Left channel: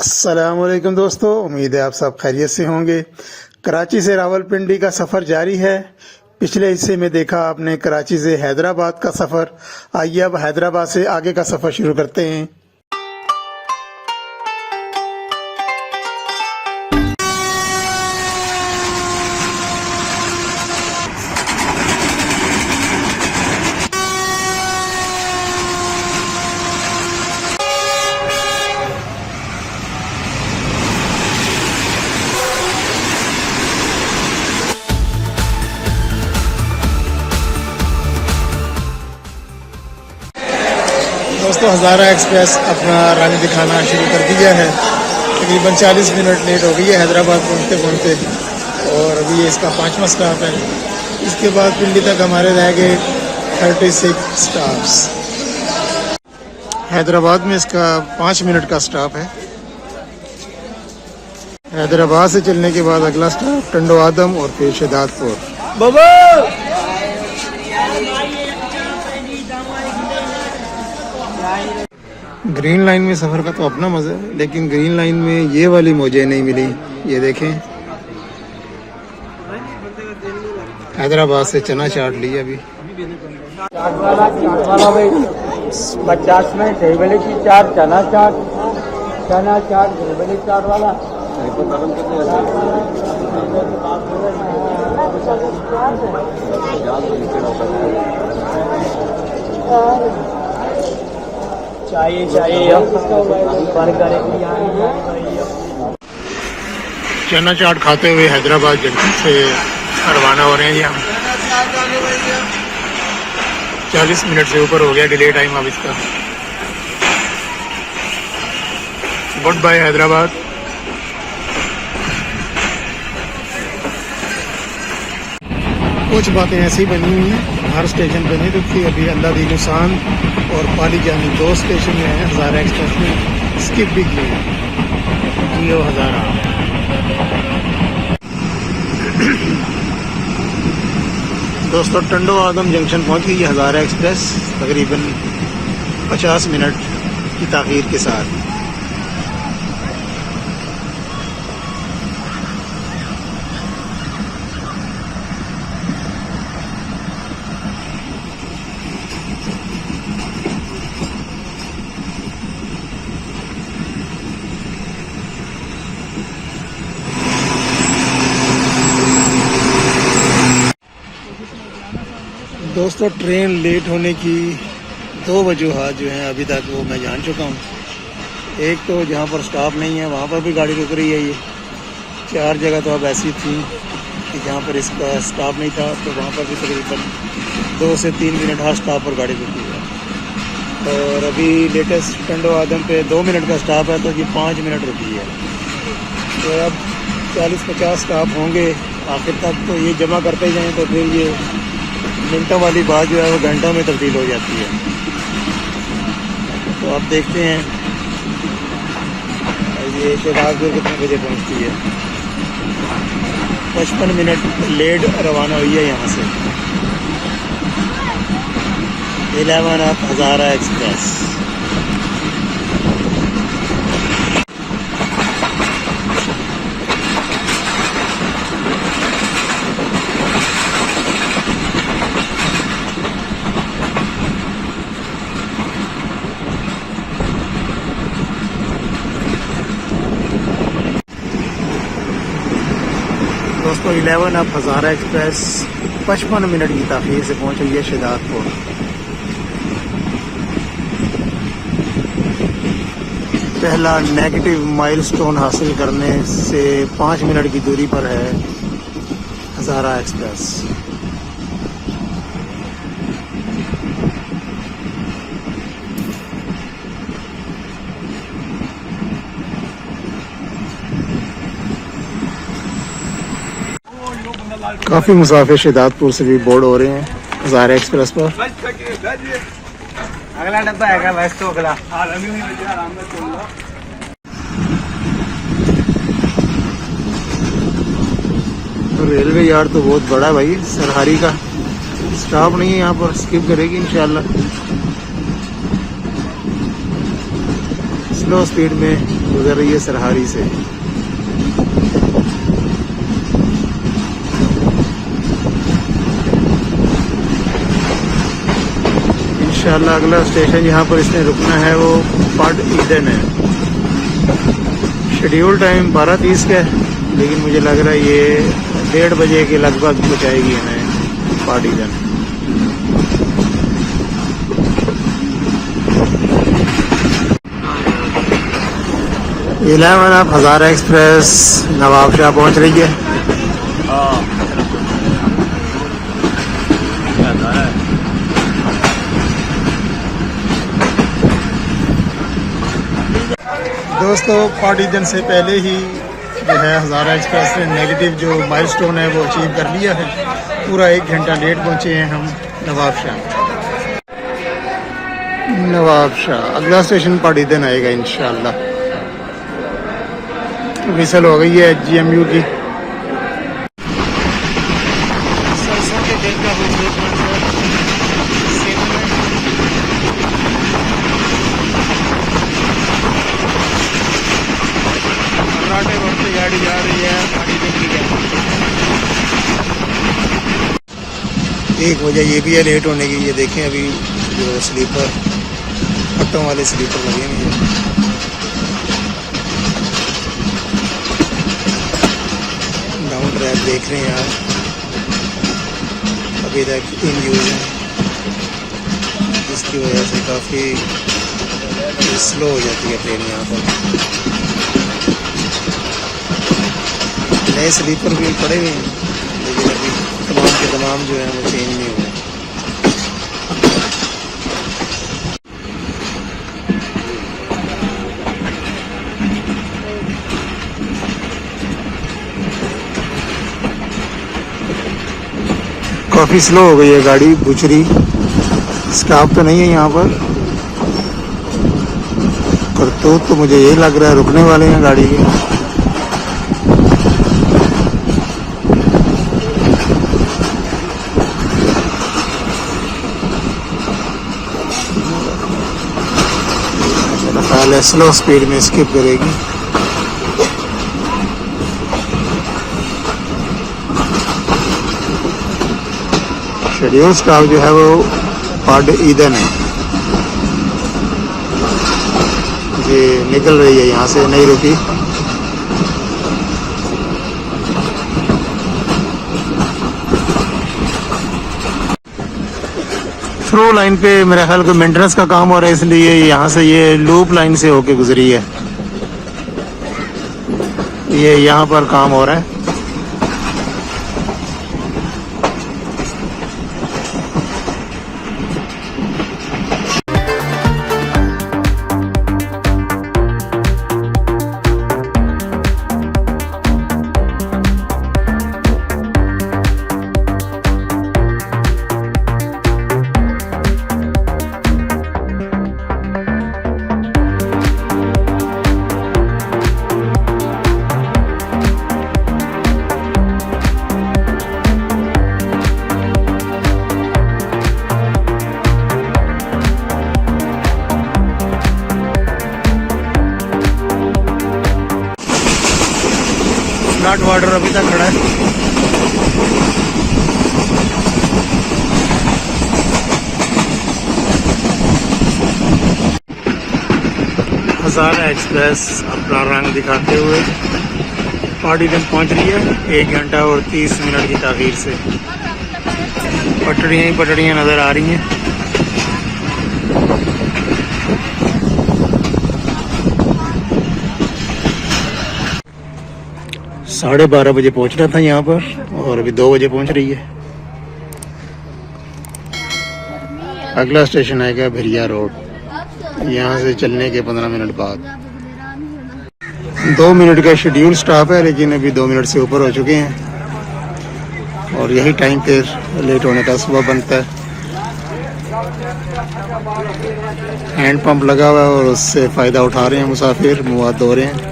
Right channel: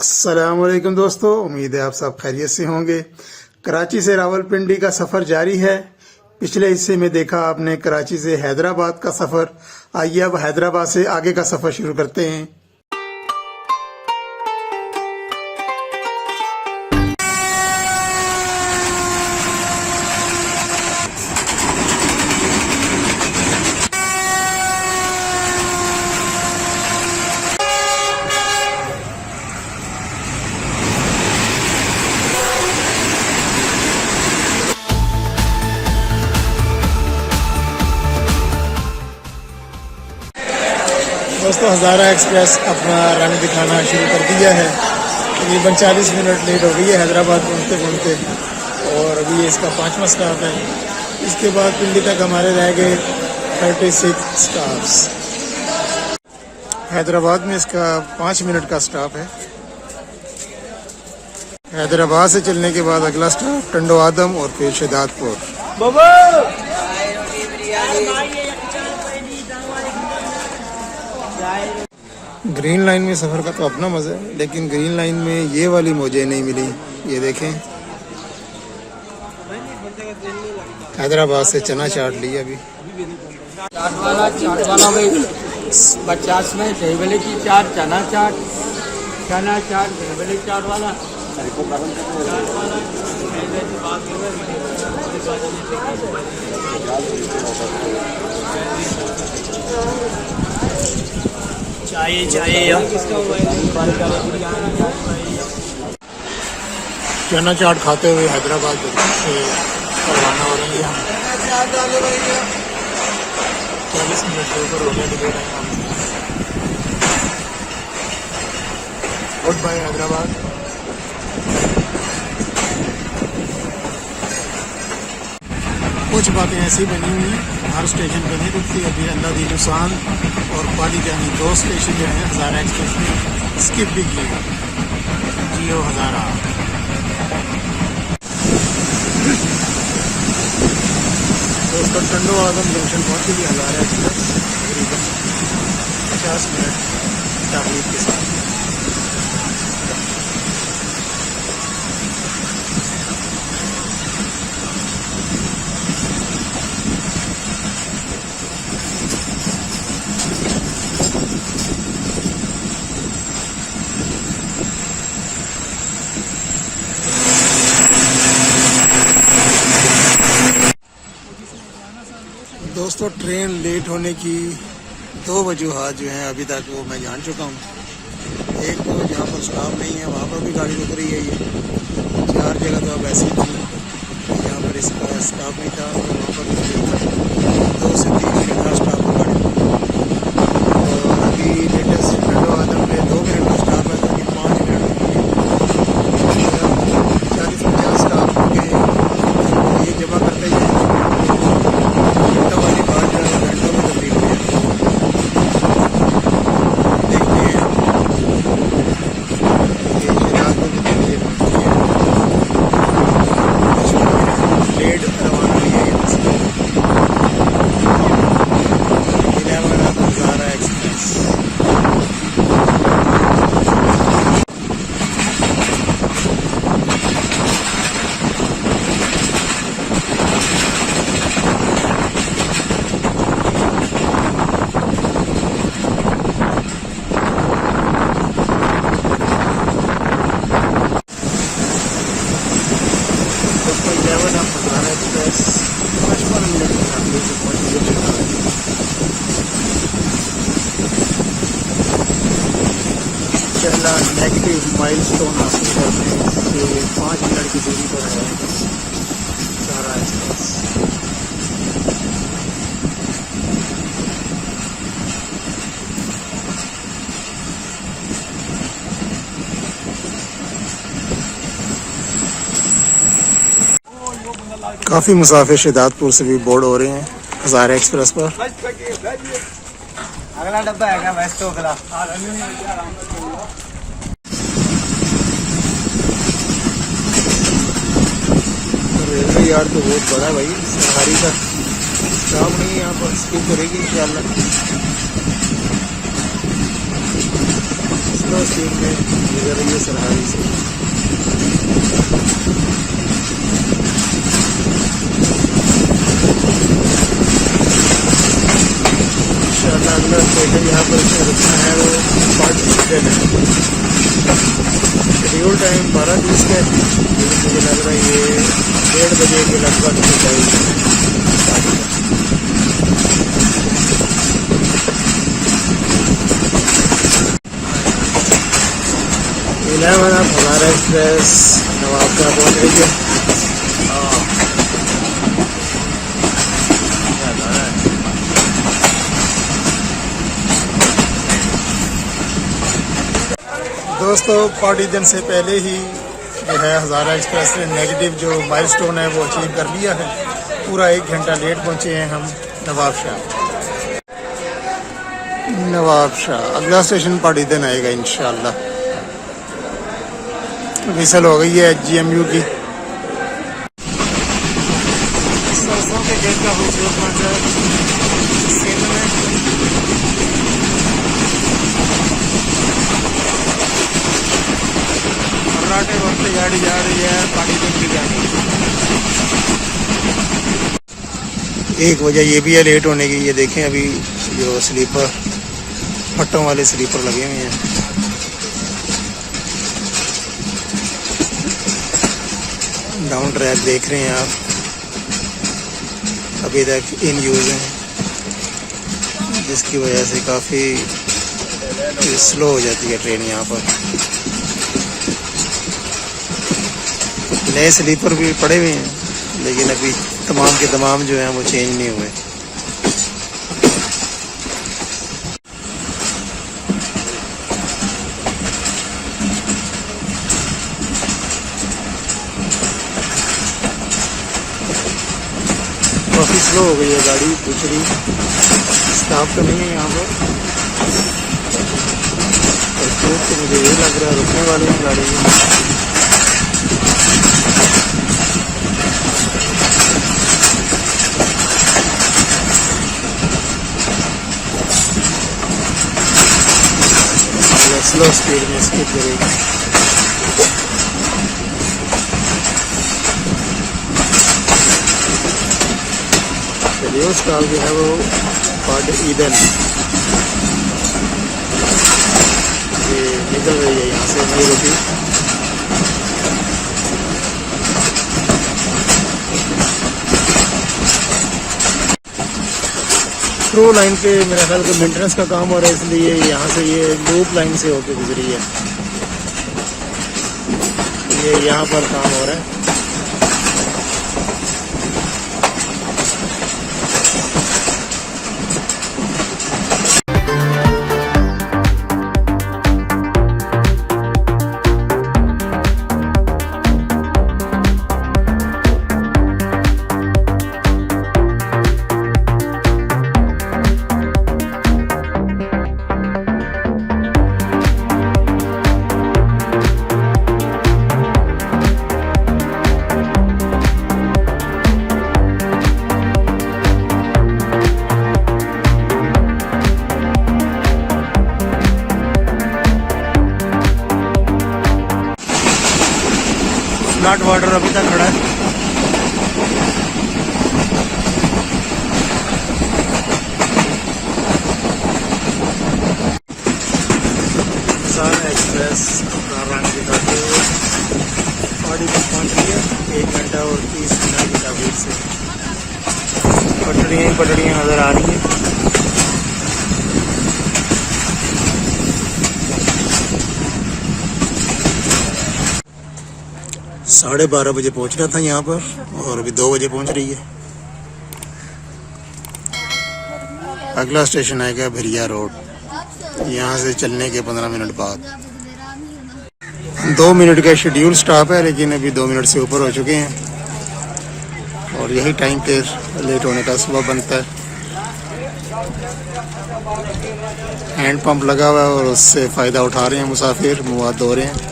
अस्सलामुअलैकुम दोस्तों, उम्मीद है आप सब खैरियत से होंगे। कराची से रावलपिंडी का सफ़र जारी है। पिछले हिस्से में देखा आपने कराची से हैदराबाद का सफ़र। आइए अब हैदराबाद से आगे का सफ़र शुरू करते हैं। दोस्तों, हज़ारा एक्सप्रेस अपना रंग दिखाना शुरू कर दिया है। तकरीबन 40 मिनट लेट हो गई है हैदराबाद पहुंचते पहुंचते, और अभी इसका 5वां स्टॉप है। इसके बाद पिंडी तक हमारे रह गए 36 स्टॉप्स। हैदराबाद में इसका 5 मिनट का स्टॉप है। हैदराबाद से चलने के बाद अगला स्टॉप टंडो आदम और फिर शहदादपुर। ग्रीन लाइन में सफ़र का तो अपना मज़ा है, लेकिन ग्रीन लाइन में ये वाली मौजें नहीं मिली। ये देखें, हैदराबाद से चना चाट लिया अभी। 50 में टेबल की चाट, चना चाट टेबल चाट वाला। चाहिए चना चाट खाते हुए हैदराबाद जंक्शन से रवाना हो रहे हैं जी हम। 40 मिनट से ऊपर हो गया डिले टाइम अब इसका। Good bye Hyderabad. कुछ बातें ऐसी बनी हुई हैं, हर स्टेशन पे नहीं रुकती। अभी अल्लाह दी नुसान और पाली जानी 2 स्टेशन जो हैं हज़ारा एक्सप्रेस में स्किप भी किए। जियो हज़ारा। दोस्तों, टंडो आदम जंक्शन पहुंची है हज़ारा एक्सप्रेस तकरीबन 50 मिनट की ताख़ीर के साथ। दोस्तों, ट्रेन लेट होने की 2 वजूहात जो हैं अभी तक वो मैं जान चुका हूँ। एक तो जहाँ पर स्टॉप नहीं है वहाँ पर भी गाड़ी रुक रही है। ये 4 जगह तो अब ऐसी थी जहाँ पर इसका स्टॉप नहीं था, तो वहाँ पर भी तकरीबन 2 से 3 मिनट हर स्टॉप पर गाड़ी रुकी। और अभी लेटेस्ट टंडो आदम पे 2 मिनट का स्टॉप है, तो अभी 5 मिनट होती है। तो अब 40-50 स्टॉप होंगे आखिर तक। तो ये जमा करते ही जाएँ तो फिर ये घंटों वाली बात जो है वो घंटों में तब्दील हो जाती है। तो आप देखते हैं ये शहदादपुर कितने बजे पहुँचती है। 55 मिनट लेट रवाना हुई है यहाँ से 11 आप हज़ारा एक्सप्रेस। दोस्तों, 11 आप हज़ारा एक्सप्रेस 55 मिनट की ताख़ीर से पहुँच रही है शहदादपुर। पहला नेगेटिव माइलस्टोन हासिल करने से 5 मिनट की दूरी पर है हज़ारा एक्सप्रेस। काफ़ी मुसाफिर शहदादपुर से भी बोर्ड हो रहे हैं हज़ारा एक्सप्रेस पर। अगला डब्बा है बस तो अगला। रेलवे यार्ड तो बहुत बड़ा है भाई, सरहारी का। स्टॉप नहीं है यहाँ पर, स्किप करेगी इंशाल्लाह। स्लो स्पीड में गुजर रही है सरहारी से। इंशाल्लाह अगला स्टेशन यहाँ पर इसमें रुकना है वो पार्ट ईडन है। शेड्यूल टाइम 12:30 का है, लेकिन मुझे लग रहा है ये 1:30 बजे के लगभग पहुँचाएगी हमें पार्ट ईडन। इलेवन अब हज़ारा एक्सप्रेस नवाबशाह पहुँच रही है। दोस्तों पार्ट ईडन से पहले ही जो है हज़ारा एक्सप्रेस ने नेगेटिव जो माइलस्टोन है वो अचीव कर लिया है। पूरा 1 घंटा लेट पहुँचे हैं हम नवाबशाह। अगला स्टेशन पार्ट ईडन आएगा इंशाल्लाह। विसल हो गई है GMU की। सरसों के खेत का खूबसूरत मंजर सिंध में। मर्राटे बढ़ते गाड़ी जा रही है पानी की गाड़ी। एक वजह ये भी है लेट होने की, ये देखें अभी जो स्लीपर फट्टों वाले स्लीपर लगे हुए हैं। डाउन ट्रैक देख रहे हैं आप, अभी तक इन यूज है, जिसकी वजह से काफ़ी स्लो हो जाती है ट्रेन यहाँ पर। नए स्लीपर भी पड़े हुए हैं, लेकिन अभी तमाम के तमाम जो हैं वो चेंज नहीं हुए। काफ़ी स्लो हो गई है गाड़ी। बुचरी स्टाफ तो नहीं है यहाँ पर, तो मुझे ये लग रहा है रुकने वाले हैं गाड़ी में। पहले स्लो स्पीड में स्किप करेगी। शेड्यूल स्टाफ जो है वो पार्ट ईडन है, ये निकल रही है यहाँ से, नहीं रुकी। थ्रू लाइन पे मेरे ख्याल का मेंटेनेंस का काम हो रहा है, इसलिए यहाँ से ये लूप लाइन से होके गुजरी है। ये यहाँ पर काम हो रहा है। फ्लड वाटर अभी तक खड़ा है। हज़ारा एक्सप्रेस अपना रंग दिखाते हुए पार्टी तक पहुंच रही है 1 घंटा और 30 मिनट की ताख़ीर से। पटड़ियाँ ही पटड़ियाँ नज़र आ रही हैं। साढ़े 12 बजे पहुंचना था यहाँ पर और अभी 2 बजे पहुंच रही है। अगला स्टेशन आएगा भिरिया रोड, यहाँ से चलने के 15 मिनट बाद। 2 मिनट का शेड्यूल स्टॉप है, लेकिन अभी 2 मिनट से ऊपर हो चुके हैं और यही टाइम फिर लेट होने का सबब बनता है। हैंड पंप लगा हुआ है और उससे फ़ायदा उठा रहे हैं मुसाफिर, मुँह धो रहे हैं।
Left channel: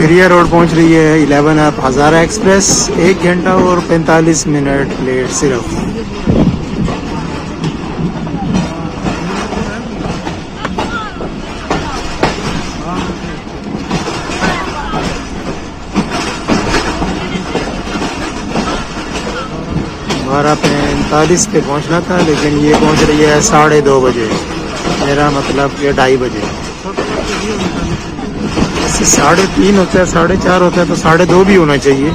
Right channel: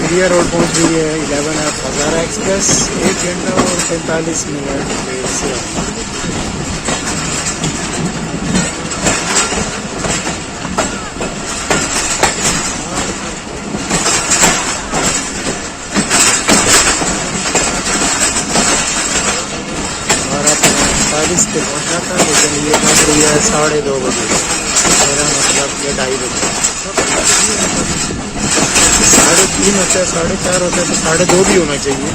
बेरिया रोड पहुंच रही है 11 आप हज़ारा एक्सप्रेस 1 घंटा और 45 मिनट लेट सिर्फ। हमारा 45 पे पहुंचना था लेकिन ये पहुंच रही है 2:30 बजे, मेरा मतलब ये 2:30 बजे। 3:30 होता है, 4:30 होता है तो 2:30 भी होना चाहिए।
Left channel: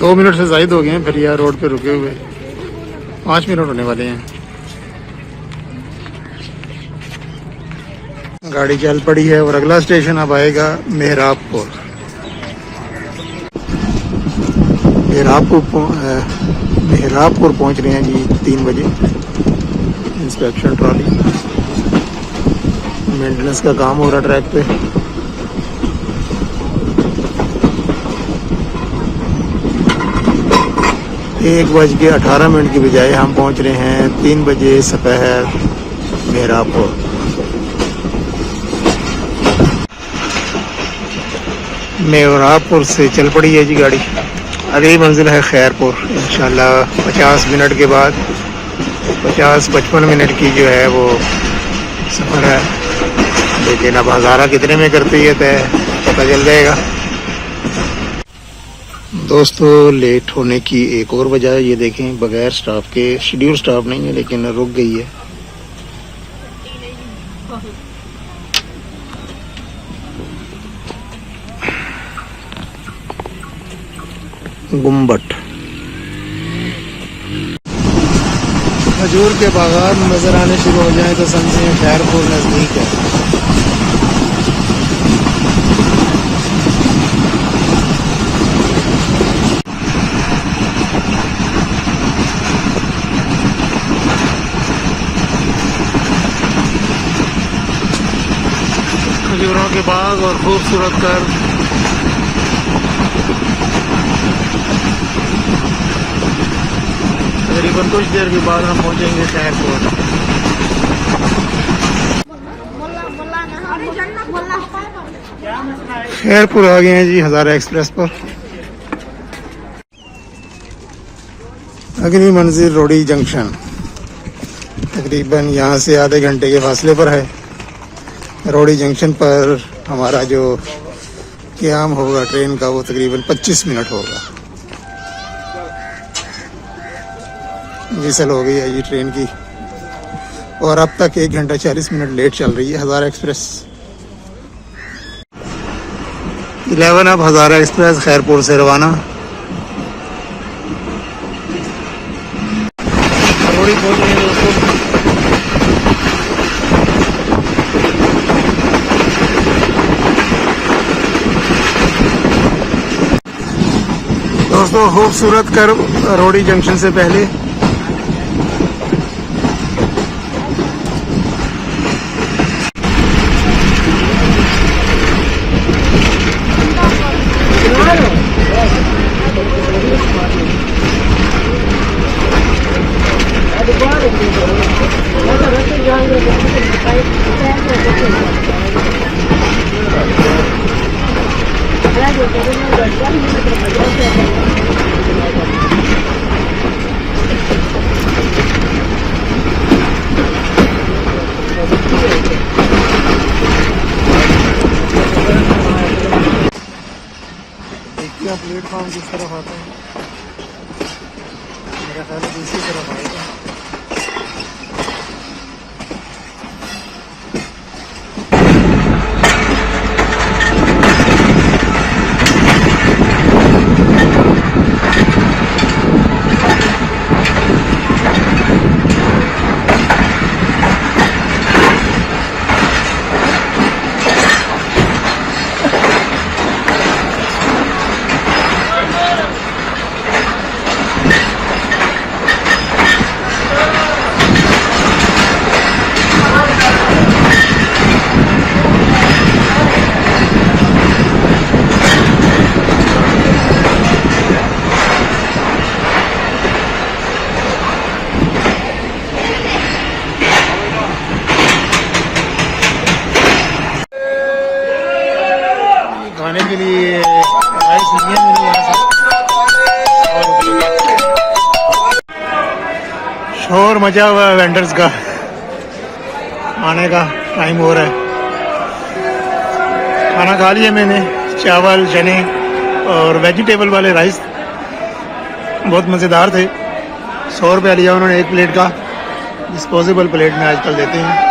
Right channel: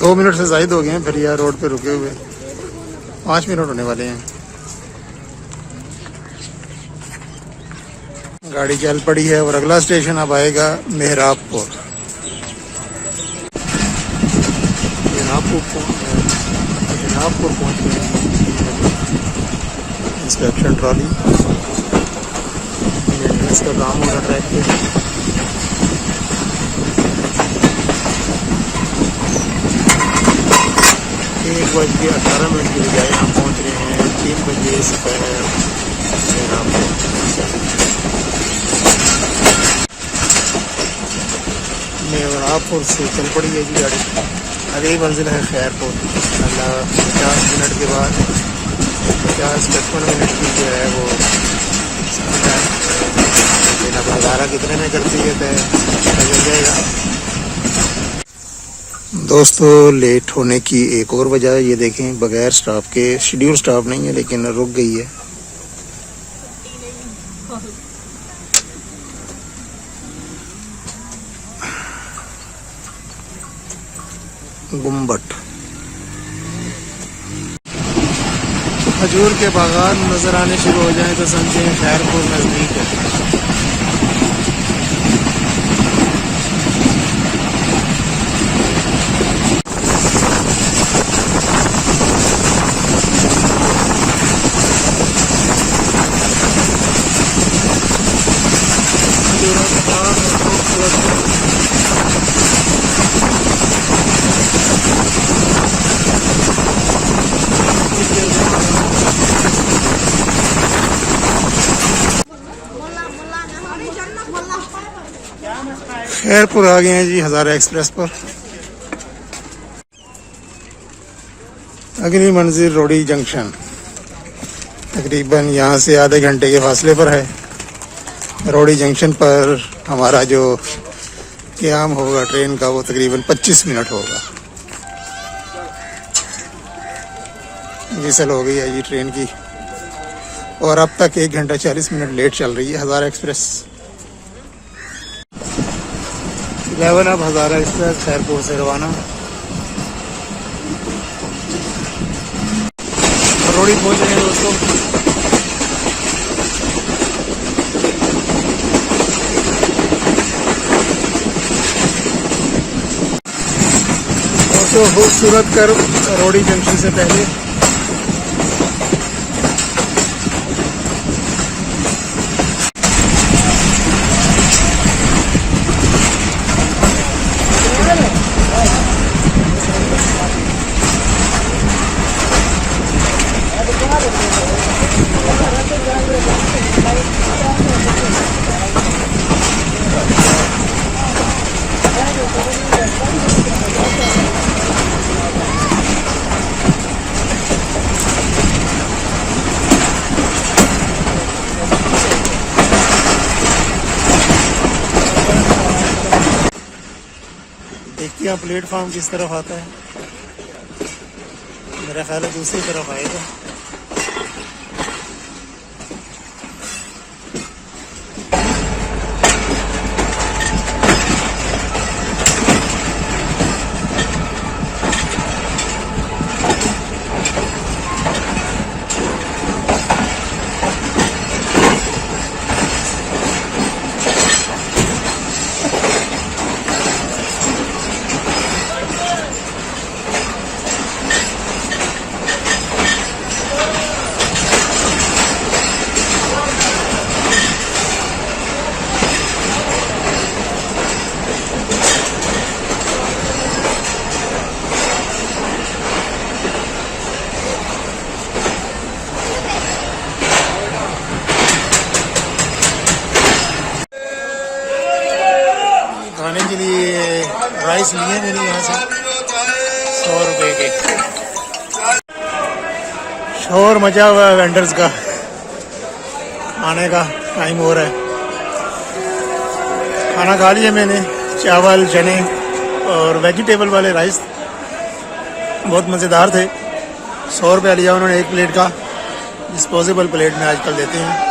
दो मिनट से ज़ायद हो गए हैं फिर यार रोड पे रुके हुए, 5 मिनट होने वाले हैं। गाड़ी चल पड़ी है और अगला स्टेशन अब आएगा मेहराबपुर। मेहराबपुर पहुंच रहे हैं जी 3 बजे। इंस्पेक्शन ट्रॉली, मेंटेनेंस का काम हो रहा ट्रैक पे। 1:18 की बजाय हम पहुंच रहे हैं 3 बजे दोपहर मेहराबपुर। मेहराबपुर से चल पड़ी है जी गाड़ी। अगली मंजिल है खैरपुर। इंशाल्लाह 50 मिनट के बाद 50-55 मिनट की जो है वो सफ़र है, लेकिन अब हज़ारा कितने में करती है तय पता चल जाएगा। दोस्तों लेट होने की एक और वजह है, ये देखें बगैर स्टाफ के, शेड्यूल स्टाफ नहीं है लेकिन रुक गई है। गुम्बट, खजूर के बागान नजर आने शुरू हो जाएं तो समझें खैरपुर नजदीक है। खजूरों के बाग और खूबसूरत घर। कुछ देर के बाद हम पहुंचेंगे खैरपुर। खैरपुर आ गए हैं जी हज़ारा एक्सप्रेस पर। अगली मंजिल रोडी जंक्शन, तकरीबन यहाँ से आधे घंटे के फासले पर है। रोडी जंक्शन पर हमारा जो क़याम होगा ट्रेन का वो तकरीबन 25 मिनट होगा। विसल हो गई है ये ट्रेन की और अब तक 1 घंटा 40 मिनट लेट चल रही है हज़ारा एक्सप्रेस। 11 अब हज़ारा एक्सप्रेस खैरपुर से रवाना। रोडी पहुंच रहे हैं दोस्तों। खूबसूरत कर रोडी जंक्शन से पहले देखिए प्लेटफॉर्म किस तरफ आता है। मेरा ख्याल है दूसरी तरफ आएगा। खाने के लिए राइस लिए मैंने यहाँ से 100 रुपये के। शोर मचा हुआ है वेंडर्स का, खाने का टाइम हो रहा है। खाना खा लिया मैंने, चावल चने और वेजिटेबल वाले राइस, बहुत मज़ेदार थे। 100 रुपया लिया उन्होंने एक प्लेट का, डिस्पोजेबल प्लेट में आजकल देते हैं।